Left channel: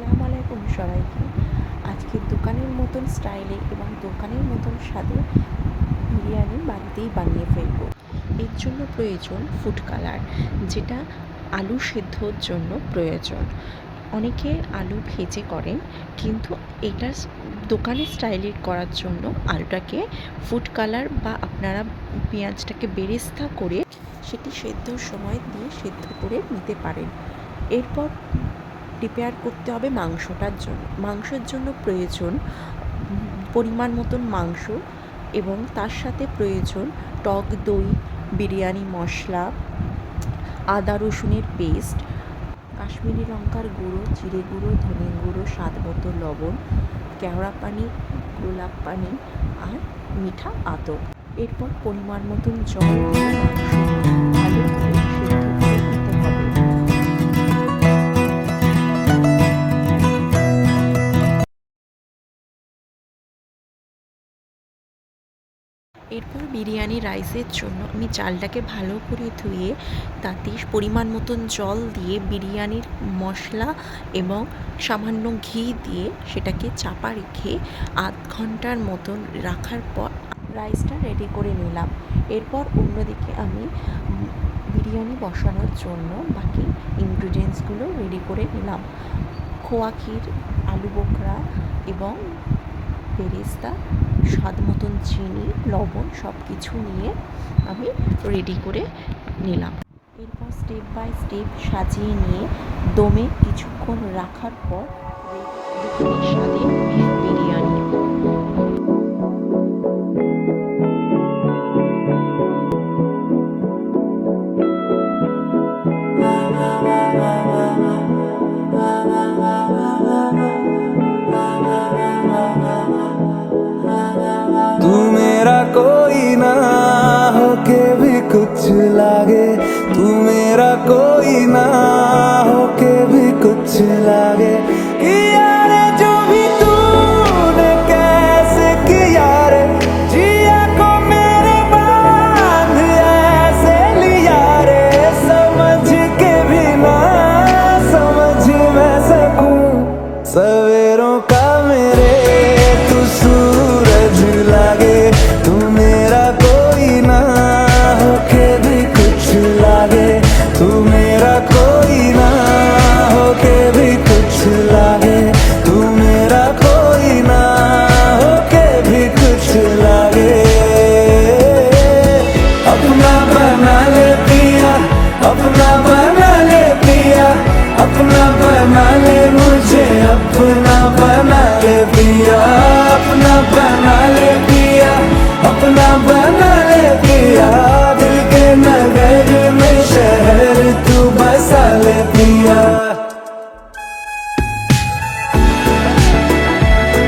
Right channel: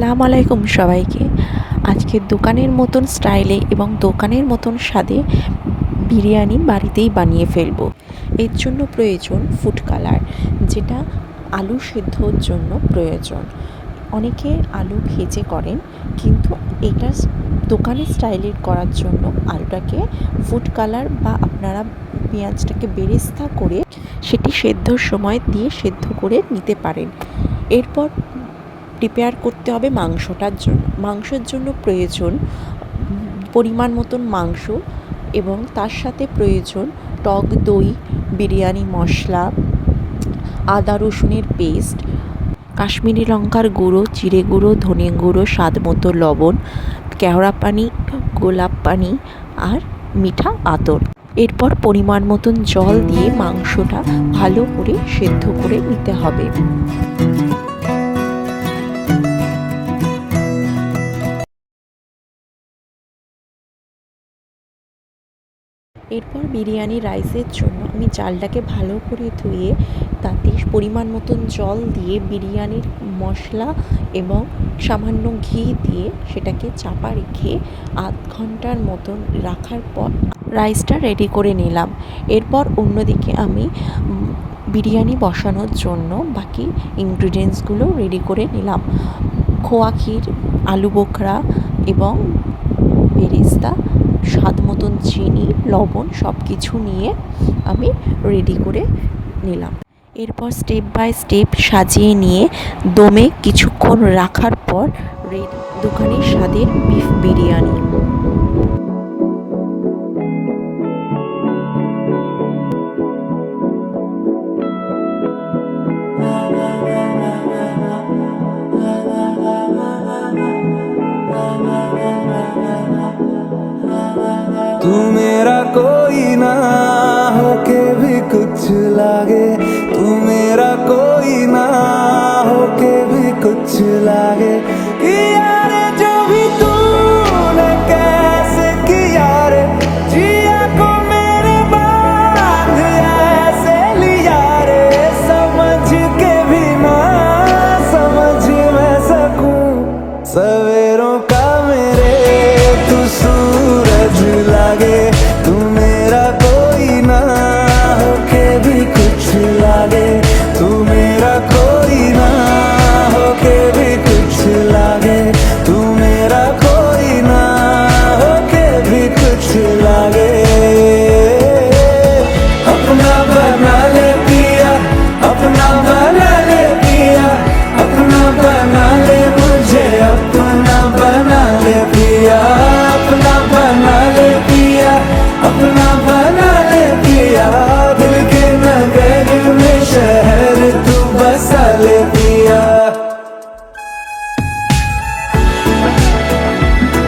আসসালামু আলাইকুম সবাইকে। আজকে দোকানের মতন স্টাইলে এবং দোকানের মতন স্বাদে বিরিয়ানি বাড়িতেই বানিয়ে ফেলবো। এর জন্য প্রয়োজন ফুড কালার, যেটা আলু সেদ্ধর জন্য প্রয়োজন। অনেকে আলু ভেজে করেন, কিন্তু এটা দোকানের স্টাইলে করার জন্য আলুটাকে ফুড কালার বা আপনারা পেঁয়াজটাকে বেরেস্তা করে সেটি সেদ্ধর সময় দিয়ে সেদ্ধ করে নিতে পারেন। এরপর প্রিপেয়ার করতে হবে মাংসের জন্য প্রয়োজন পরিমাণ মতন মাংস, এবং তার সাথে প্রয়োজন টক দই, বিরিয়ানি মশলা, আদা রসুনের পেস্ট, কাশ্মীরি লঙ্কার গুঁড়ো, জিরে গুঁড়ো, ধনে গুঁড়ো, স্বাদ মতো লবণ, কেওড়া পানি, গোলাপ পানি আর মিঠা আতর। এরপর পরিমাণ মতন জল দিয়ে মাংসটা ভালো করে সেদ্ধ করে নিতে হবে। এরপর বিরিয়ানি রাইসের জন্য আমি চালটাকে ভালো করে ধুয়ে তাতে পরিমাণ মতন জল দিয়ে বিরিয়ানির মশলা এবং সামান্য ঘি দিয়ে সেটাকে চাপা রেখে আধ ঘন্টার মতন রাখার পর রাইসটা রেডি করে নিলাম। এরপর অন্যদিকে আমি বিরিয়ানি বসানোর জন্য বাকি ইনগ্রিডিয়েন্টসগুলো রেডি করে নিলাম। খোয়া ক্ষীর, আলু বোখরা এবং বেরেস্তা, স্বাদ মতন চিনি, লবণ সব কিছু নিয়ে আমি রেডি করে নিলাম। এরপর স্টেপ বাই স্টেপ সাজিয়ে নিয়ে দমে কিছুক্ষণ রাখার পর দোকানের স্বাদের বিফ বিরিয়ানি। तू मेरा कोई ना होके भी कुछ लागे, तू मेरा कोई ना होके भी कुछ लागे। किया रे जो भी तूने कैसे किया रे, जिया को मेरे बांध ऐसे लिया रे। समझ के भी ना समझ मैं सकूं सवेरों का मेरे तू सूरज लागे। तू मेरा कोई ना होके भी कुछ लागे, तू मेरा कोई ना होके भी कुछ लागे, तू मेरा कोई ना होके भी कुछ लागे। अपना बना ले पिया, अपना बना ले पिया, अपना बना ले मुझे, अपना बना ले पिया, अपना बना ले पिया, अपना बना ले पिया।